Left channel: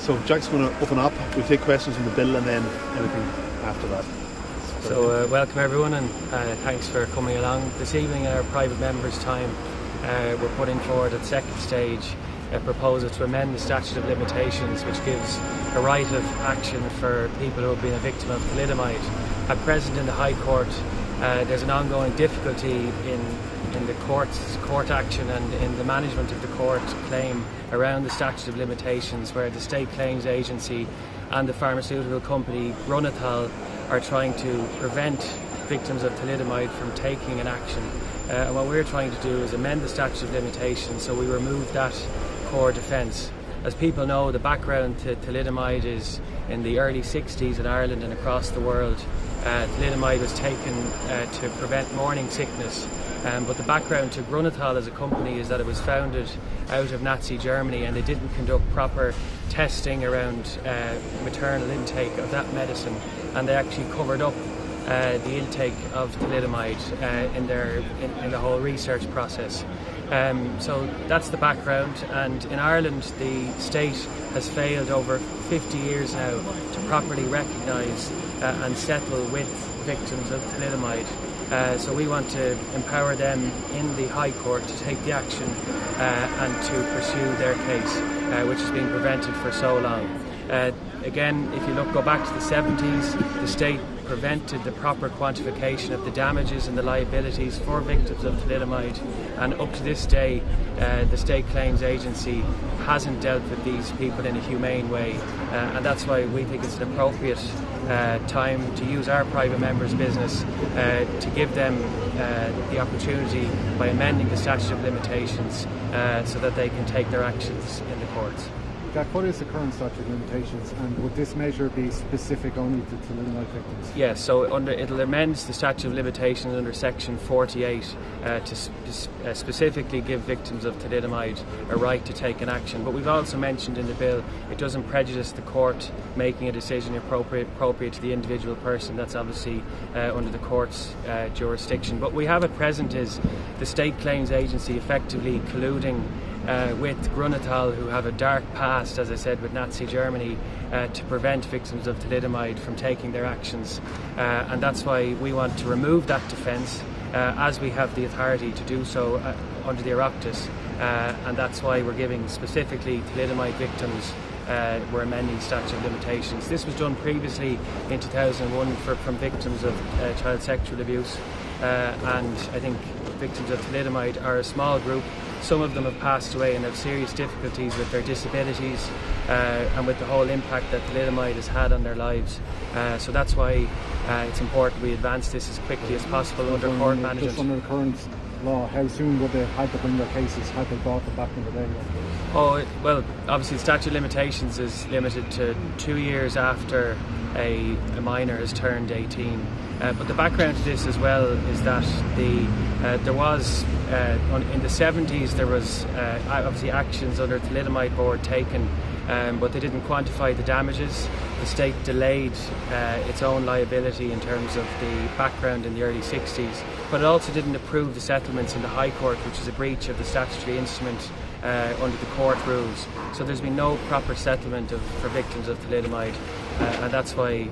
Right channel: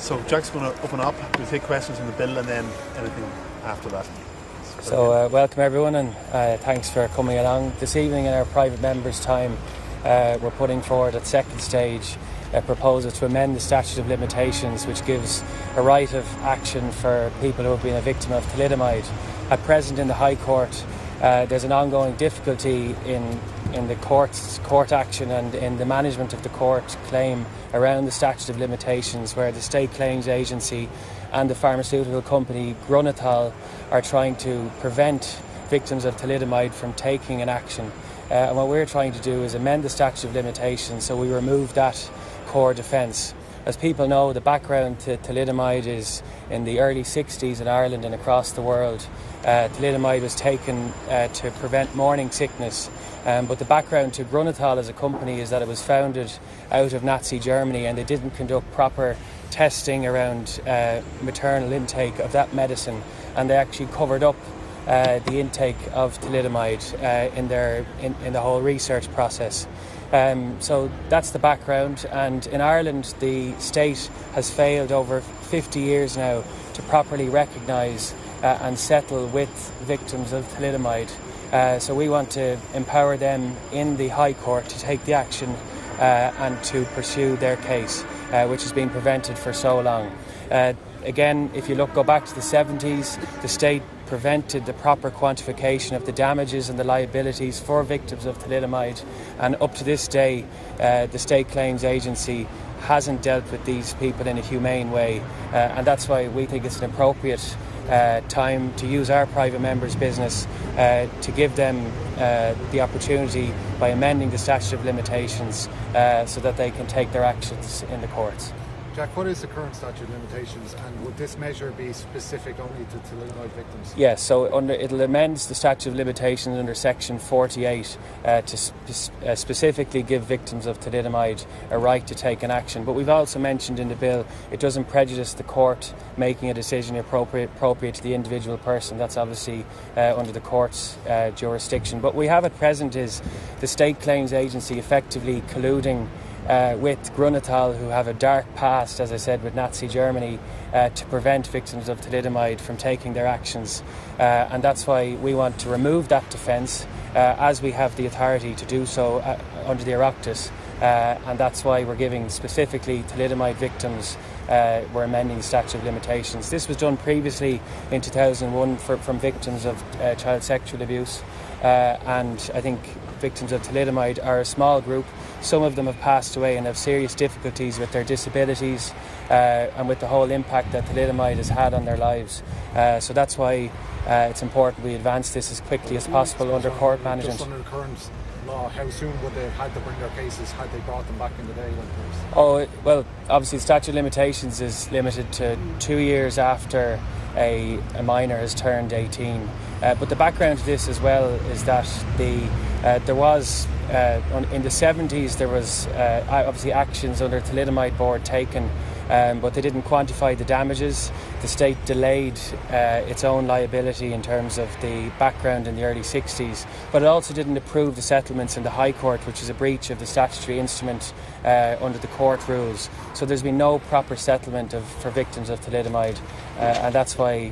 So Jack's going to open up, we'll take questions from the bill and then anything after that. So welcome everyone, and thanks for coming along. This evening in our private members' time, we're putting forward at second stage a proposal to amend the Statute of Limitations, which gives a right of action for people who have been a victim of thalidomide. At present in the High Court, there's an ongoing difficulty in the court action and in the management of the court claim around the Statute of Limitations, where the State Claims Agency and the pharmaceutical company Grunethal are trying to prevent victims of thalidomide from taking an action. And what we're trying to do is amend the Statute of Limitations so we remove that core defence. As people know, the background to thalidomide is in the early 60s in Ireland and across the world. Thalidomide was taken to prevent morning sickness, but the background to Grunethal as a company is that it was founded out of Nazi Germany, and they didn't conduct proper testing around maternal intake of that medicine, and they actually covered up the intake of thalidomide in the whole research process. So that's the background, and in Ireland the state has failed over 50 years now to properly recognise and settle with victims of thalidomide. So we want to empower them in the High Court to take the action and to pursue their case, which has been prevented for so long. Again, if you go back to the 70s, the state prevented the proper quantification of the damages and the liabilities for victims of thalidomide, and up to this day the State Claims Agency hasn't dealt with these people in a humane way, and that's why we think it's an appropriate time to use our private members' business to give them the opportunity by amending the Statute of Limitations so that they can take their actions in the courts. Jack, what is the current statute of limitations, and would this measure be specific only to thalidomide victims? Yes, so it'll amend the statute of limitations under section 48 to specifically give victims of thalidomide a right to take an action. But we've also mentioned in the bill it doesn't prejudice the court making a decision appropriate to the individual person. That's obviously under the court's jurisdiction. But we have at present is the State Claims Agency effectively colluding with Grunethal, who have a dark past, as I said, with Nazi Germany, to prevent victims of thalidomide from taking their actions. And that's why we want to remove that defence, as we have the authority to do so under the Oireachtas. And that's why we're giving specifically thalidomide victims, we're amending the Statute of Limitations. This was done previously in 2001 from victims of child sexual abuse, and I think victims of thalidomide are a small group. Some of them have passed away and have serious difficulties with their disabilities and with the whole impact that thalidomide has had on their lives. So that's why it's important we advance this as quickly as possible under court management. Just under the current law, how soon would they have to bring their cases? Had they brought them back in the day? Oh, well, obviously the statute of limitations is limited to 2 years after a minor has turned 18. But the background to this as well is that there was, in the 70s, there was obviously actions under the Thalidomide Board taken, but they didn't quantify the damages. The state delayed its own liability in terms of the background in the early 60s, but it also didn't approve the settlements in the High Court, which is a breach of the statutory instrument under the court rules. So there's been no proper settlement for victims of thalidomide, and that's why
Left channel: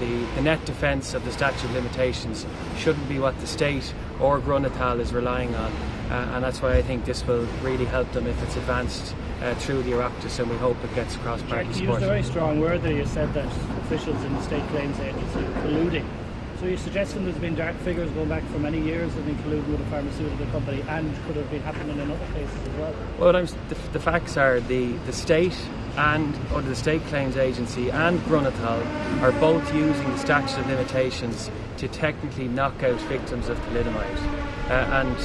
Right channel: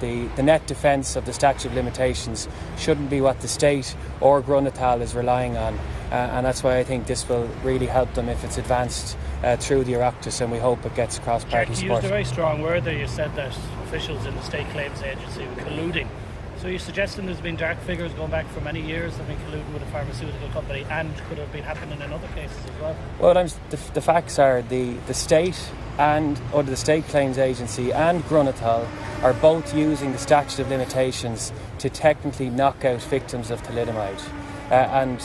the net defence of the statute of limitations shouldn't be what the state or Grunethal is relying on, and that's why I think this will really help them if it's advanced through the Oireachtas, and we hope it gets across party support. You used a very strong word there. You said that officials in the State Claims Agency are colluding. So you're suggesting there's been dark figures going back for many years that have been colluding with a pharmaceutical company, and could have been happening in other cases as well? Well, the facts are the state and under the State Claims Agency and Grunethal are both using the statute of limitations to technically knock out victims of thalidomide. And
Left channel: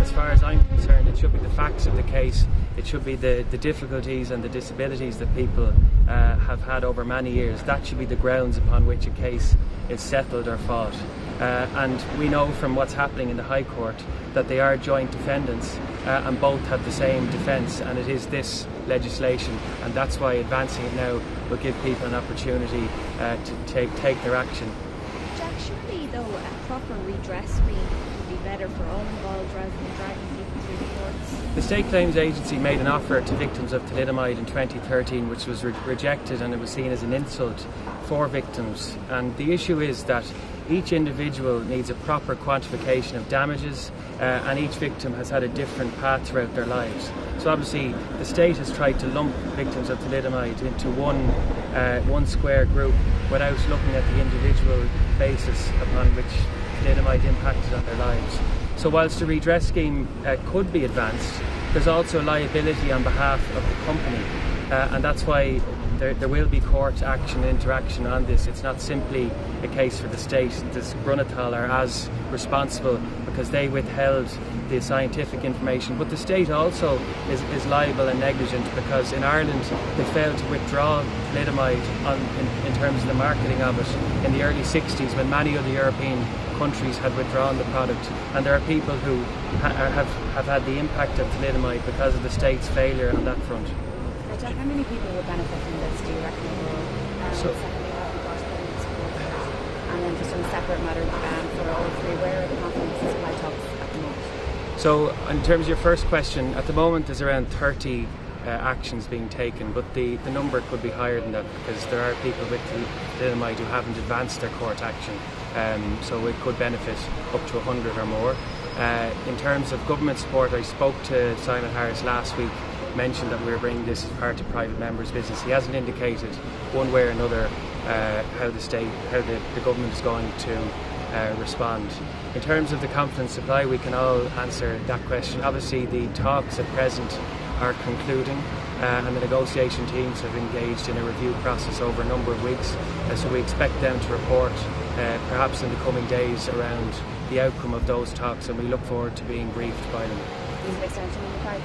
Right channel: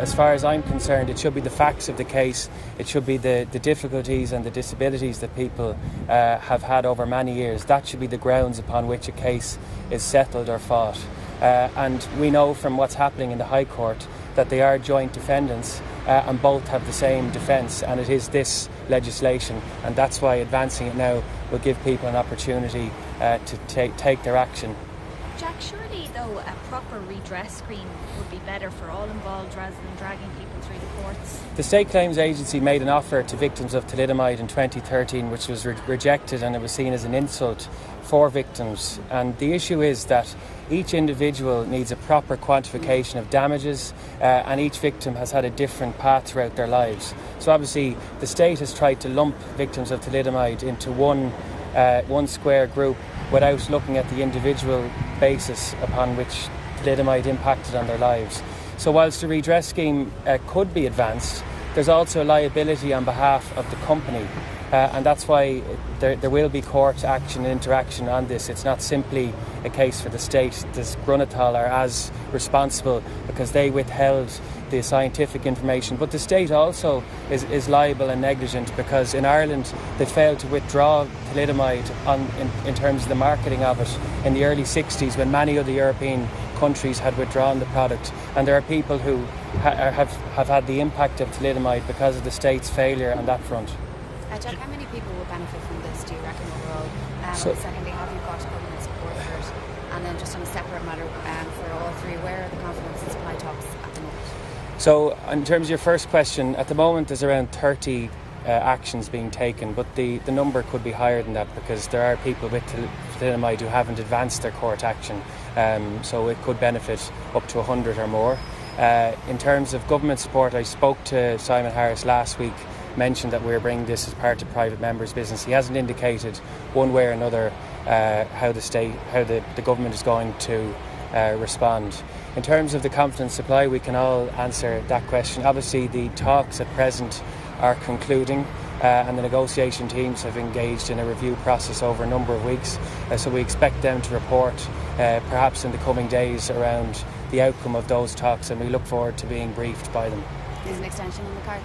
as far as I'm concerned, it should be the facts of the case, it should be the difficulties and the disabilities that people have had over many years. That should be the grounds upon which a case is settled or fought. And we know from what's happening in the High Court that they are joint defendants and both have the same defence, and it is this legislation, and that's why advancing it now will give people an opportunity to take their action. Jack, surely though a proper redress scheme would be better for all involved rather than dragging people through the courts? The State Claims Agency made an offer to victims of thalidomide in 2013, which was rejected, and it was seen as an insult for victims. And the issue is that each individual needs a proper quantification of damages, and each victim has had a different path throughout their lives. So obviously the state has tried to lump victims of thalidomide into one square group without looking at the individual basis upon which thalidomide impacted on their lives. So whilst the redress scheme could be advanced, there's also a liability on behalf of the company, and that's why there will be court action and interaction on this. It's not simply a case for the state. This Brunethal are as responsible because they withheld the scientific information, but the state also is liable and negligent because in Ireland they failed to withdraw thalidomide in terms of the marketing of it in the early 60s when many other European countries had withdrawn the product, and there are people who have had the impact of thalidomide because of the state's failure on that front. Jack, how many people will benefit from this, do you reckon? Secondly, have you got government support for it? And then just on a separate matter for all three, where are the confidence and supply talks at the moment? So in terms of your first question, at the moment there's around 30 actions being taken, but the number could be higher than that because there are people with thalidomide who haven't advanced their court action, so it could benefit up to 100 or more. In terms of government support, I spoke to Simon Harris last week, mentioned that we were bringing this as part of private members' business. He hasn't indicated one way or another how the government is going to respond. In terms of the confidence supply, we can all answer that question. Obviously the talks at present are concluding, and the negotiation teams have engaged in a review process over a number of weeks, so we expect them to report perhaps in the coming days around the outcome of those talks, and we look forward to being briefed by them. Is an extension of the cards?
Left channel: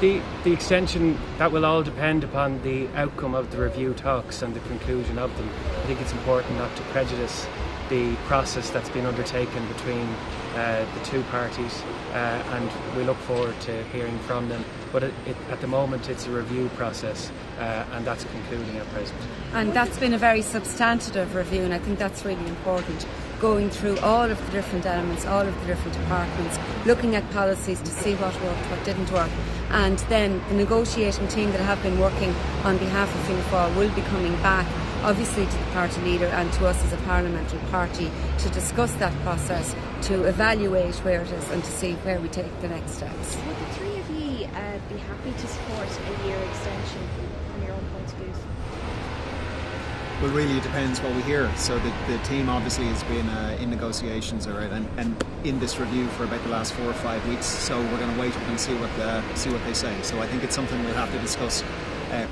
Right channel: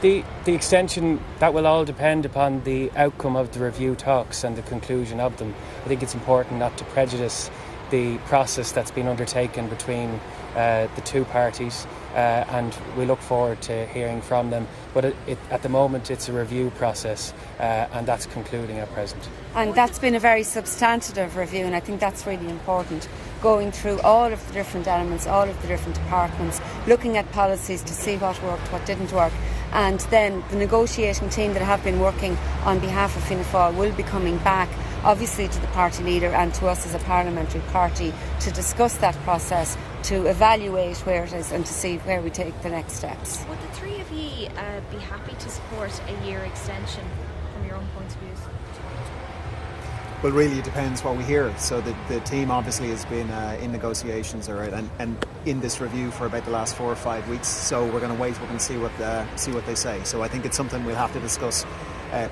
The extension, that will all depend upon the outcome of the review talks and the conclusion of them. I think it's important not to prejudice the process that's been undertaken between the two parties, and we look forward to hearing from them. But at the moment it's a review process, and that's concluding at present. And that's been a very substantive review, and I think that's really important. Going through all of the different elements, all of the different departments, looking at policies to see what worked, what didn't work, and then the negotiating team that have been working on behalf of Fianna Fáil will be coming back, obviously to the party leader and to us as a parliamentary party, to discuss that process, to evaluate where it is and to see where we take the next steps. Would the three of you be happy to support a year extension from your own point of view? Well, really it depends what we hear. So the team obviously has been in negotiations and in this review for about the last 4 or 5 weeks. So we're going to wait and see what they say. So I think it's something we'll have to discuss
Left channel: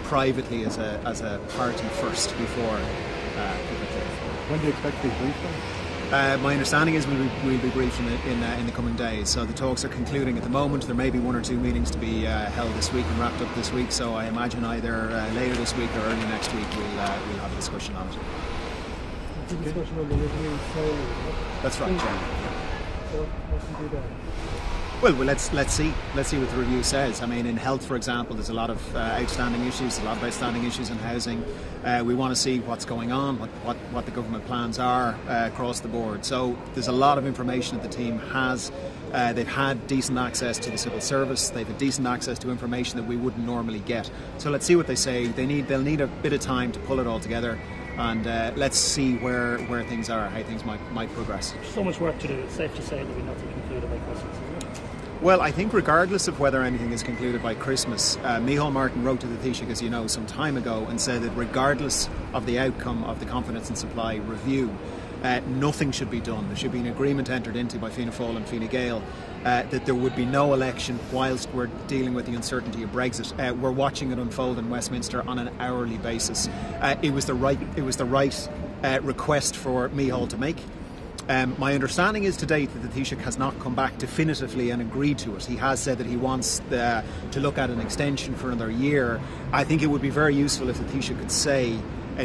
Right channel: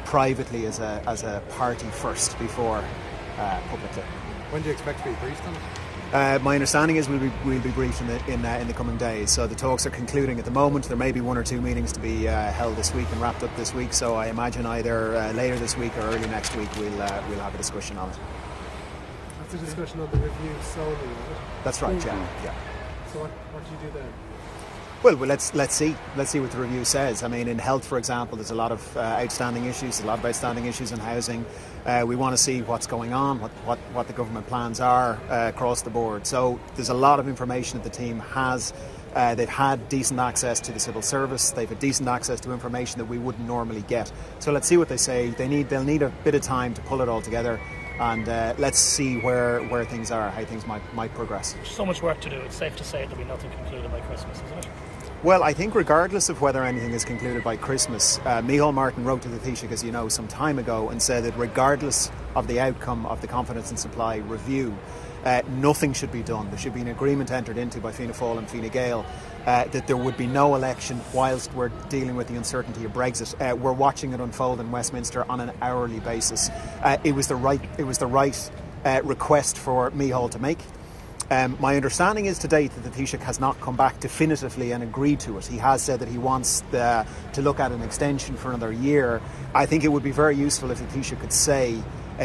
privately as a party first before publicly. When do you expect to be briefed on? My understanding is we'll be briefed in the coming days. So the talks are concluding at the moment. There may be 1 or 2 meetings to be held this week and wrapped up this week. So I imagine either later this week or early next week we'll have a discussion on it. That's a discussion on the review solely. That's right. Yeah. So what should you do then? Well, let's see what the review says. I mean, in health, for example, there's a lot of outstanding issues in housing. We want to see what's going on, what the government plans are across the board. So there's a lot of information that the team has. They've had decent access to the civil service. They've had decent access to information that we wouldn't normally get. So let's see what they say. They'll need a bit of time to pull it all together, and let's see where things are, how things might progress. There's so much work to do. It's safe to say there'll be nothing concluded by Christmas, is it? Well, I think regardless of whether anything is concluded by Christmas, Micheál Martin wrote to the Taoiseach, as you know, some time ago and said that regardless of the outcome of the confidence and supply review, nothing should be done. There should be an agreement entered into by Fianna Fáil and Fine Gael that there would be no election whilst we're dealing with the uncertainty of Brexit. We're watching it unfold in Westminster on an hourly basis. It was the right request for Micheál to make. My understanding is to date that the Taoiseach has not come back definitively and agreed to it. He has said that he wants to look at an extension for another year. I think it would be very useful if the Taoiseach could say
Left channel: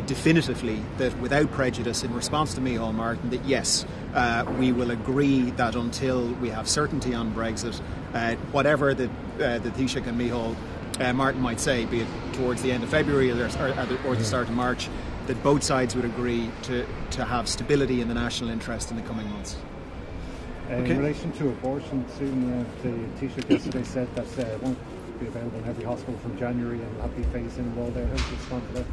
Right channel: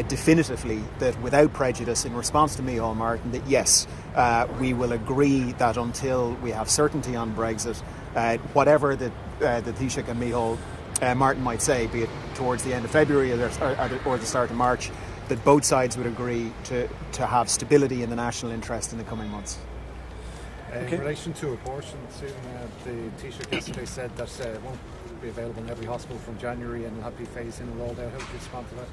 definitively that without prejudice, in response to Micheál Martin, that yes, we will agree that until we have certainty on Brexit, whatever the Taoiseach and Micheál Martin might say, be it towards the end of February or the start of March, that both sides would agree to have stability in the national interest in the coming months. In relation to abortion, Susan, the Taoiseach yesterday said that it won't be available in every hospital from January and not be phased in and rolled out. How do you respond to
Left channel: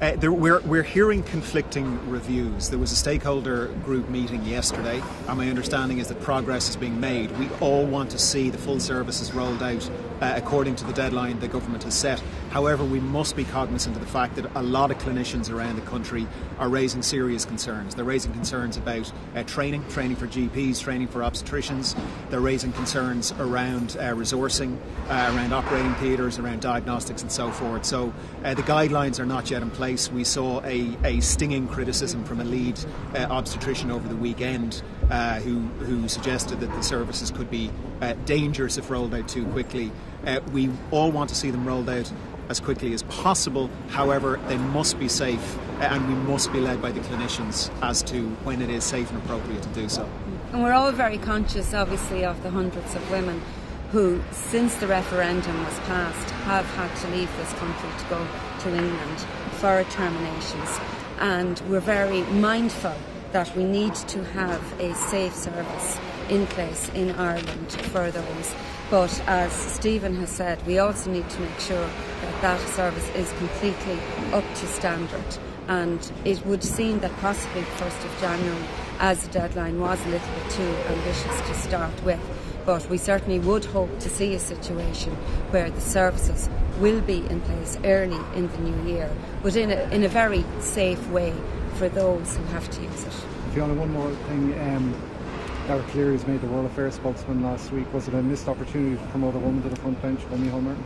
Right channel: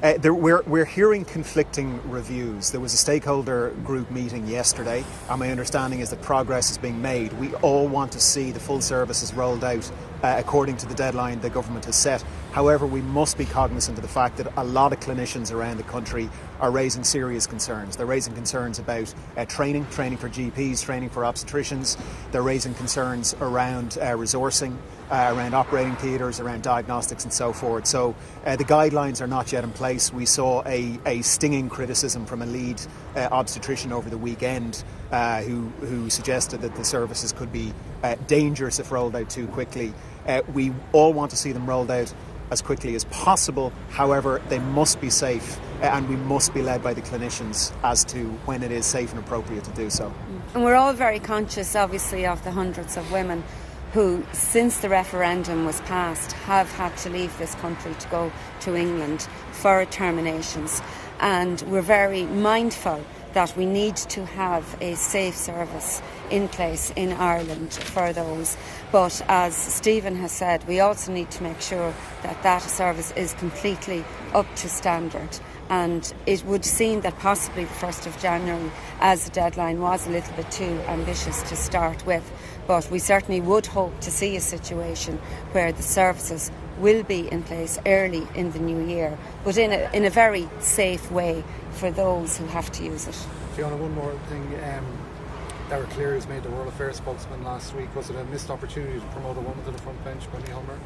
that? We're hearing conflicting reviews. There was a stakeholder group meeting yesterday, and my understanding is that progress is being made. We all want to see the full services rolled out according to the deadline the government has set. However, we must be cognizant of the fact that a lot of clinicians around the country are raising serious concerns. They're raising concerns about training for GPs, training for obstetricians. They're raising concerns around resourcing, around operating theatres, around diagnostics and so forth. So the guidelines are not yet in place. We saw a stinging criticism from a lead obstetrician over the weekend who suggested that the services could be dangerous if rolled out too quickly. We all want to see them rolled out as quickly as possible. However, they must be safe, and we must be led by the clinicians as to when it is safe and appropriate to do so. And we're all very conscious, obviously, of the hundreds of women who, since the referendum was passed, have had to leave this country to go to England for terminations. And we're very mindful that we need to have a safe service in place in Ireland for those. But as Stephen has said, we also need to make sure that that service is completely up to standard. And it would seem that possibly the 1st of January as a deadline was a little bit too ambitious to start with. But we certainly would hope to see a situation where the services will be in place early in the new year, but in a very safe way for those who have to use it. Fianna, one more thing. Eric Cleary's made the World Affairs spokesman last week. Was it a missed opportunity to promote a woman to the front bench by Micheál Martin?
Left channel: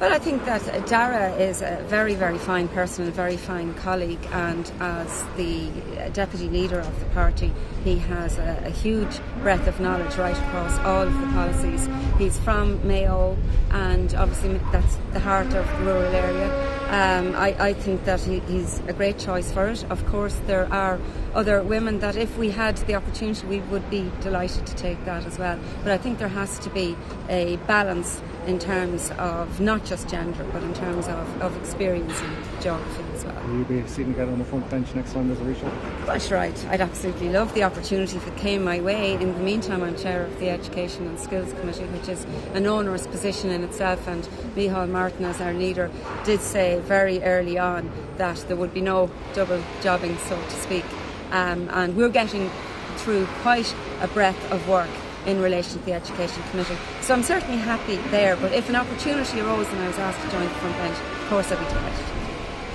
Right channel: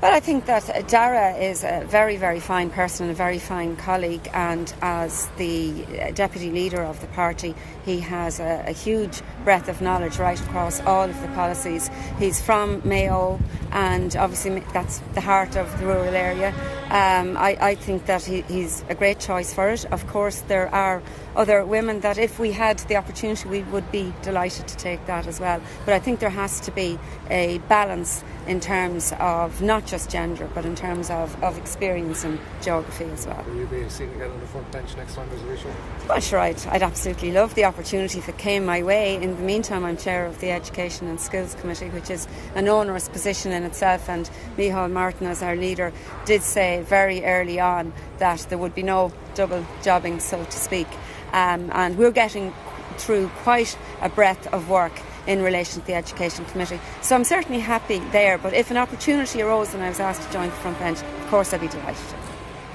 Well, I think that Dara is a very, very fine person and a very fine colleague, and as the deputy leader of the party, he has a huge breadth of knowledge right across all of the policies. He's from Mayo, and obviously that's the heart of the rural area. I think that he's a great choice for it. Of course, there are other women that if we had the opportunity, we would be delighted to take that as well. But I think there has to be a balance in terms of not just gender, but in terms of experience and geography as well. Will you be seeing again on the front bench next time there's a issue? That's right. I'd absolutely love the opportunity if it came my way. In the meantime, I'm chair of the Education and Skills Committee, which is an onerous position in itself, and Micheál Martin, as our leader, did say very early on that there would be no double jobbing, so to speak. And we're getting through quite a breadth of work in relation to the Education Committee. So I'm certainly happy there, but if an opportunity arose and I was asked to join the front bench, of course I'd be delighted.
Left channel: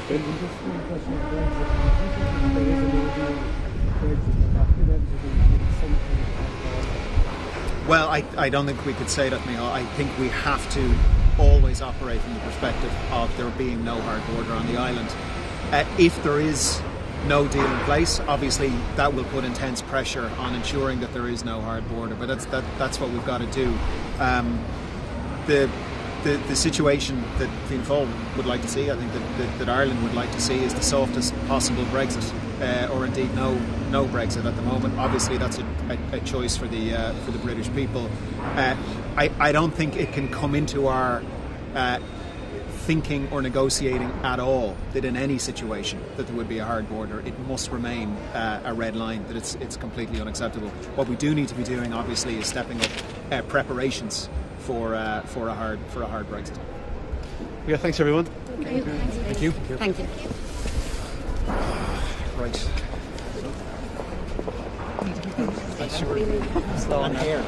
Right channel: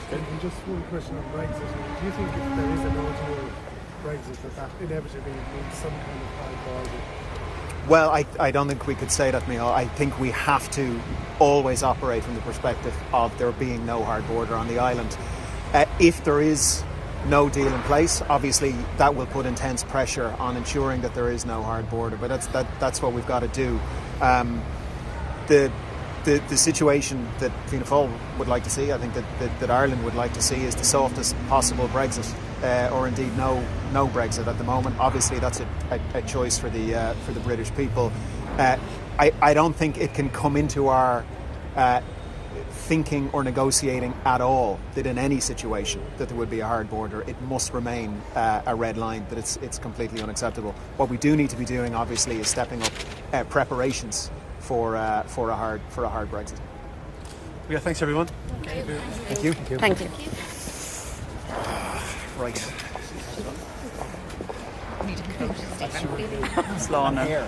Just one question on Brexit. Do you think that there is an no-deal Brexit that inevitably needs some kind of hard border? Well, I don't think we could say that, Micheál. I think we have to always operate from the perspective of there being no hard border on the island. If there is no deal in place, obviously that will put intense pressure on ensuring that there is no hard border, but that's what we've got to do. The situation that Fianna Fáil would like to see, I think that Ireland would like to see, is the softest possible Brexit, or indeed no Brexit at the moment. Obviously that's a choice for the British people. I don't think it can come into our thinking or negotiating at all that in any situation that there would be a hard border. It must remain a red line, that it's completely unacceptable. What we do need to be doing, obviously, is stepping up preparations for a hard Brexit. Yeah, thanks everyone. Thank you. Thank you. Right. Slow on here.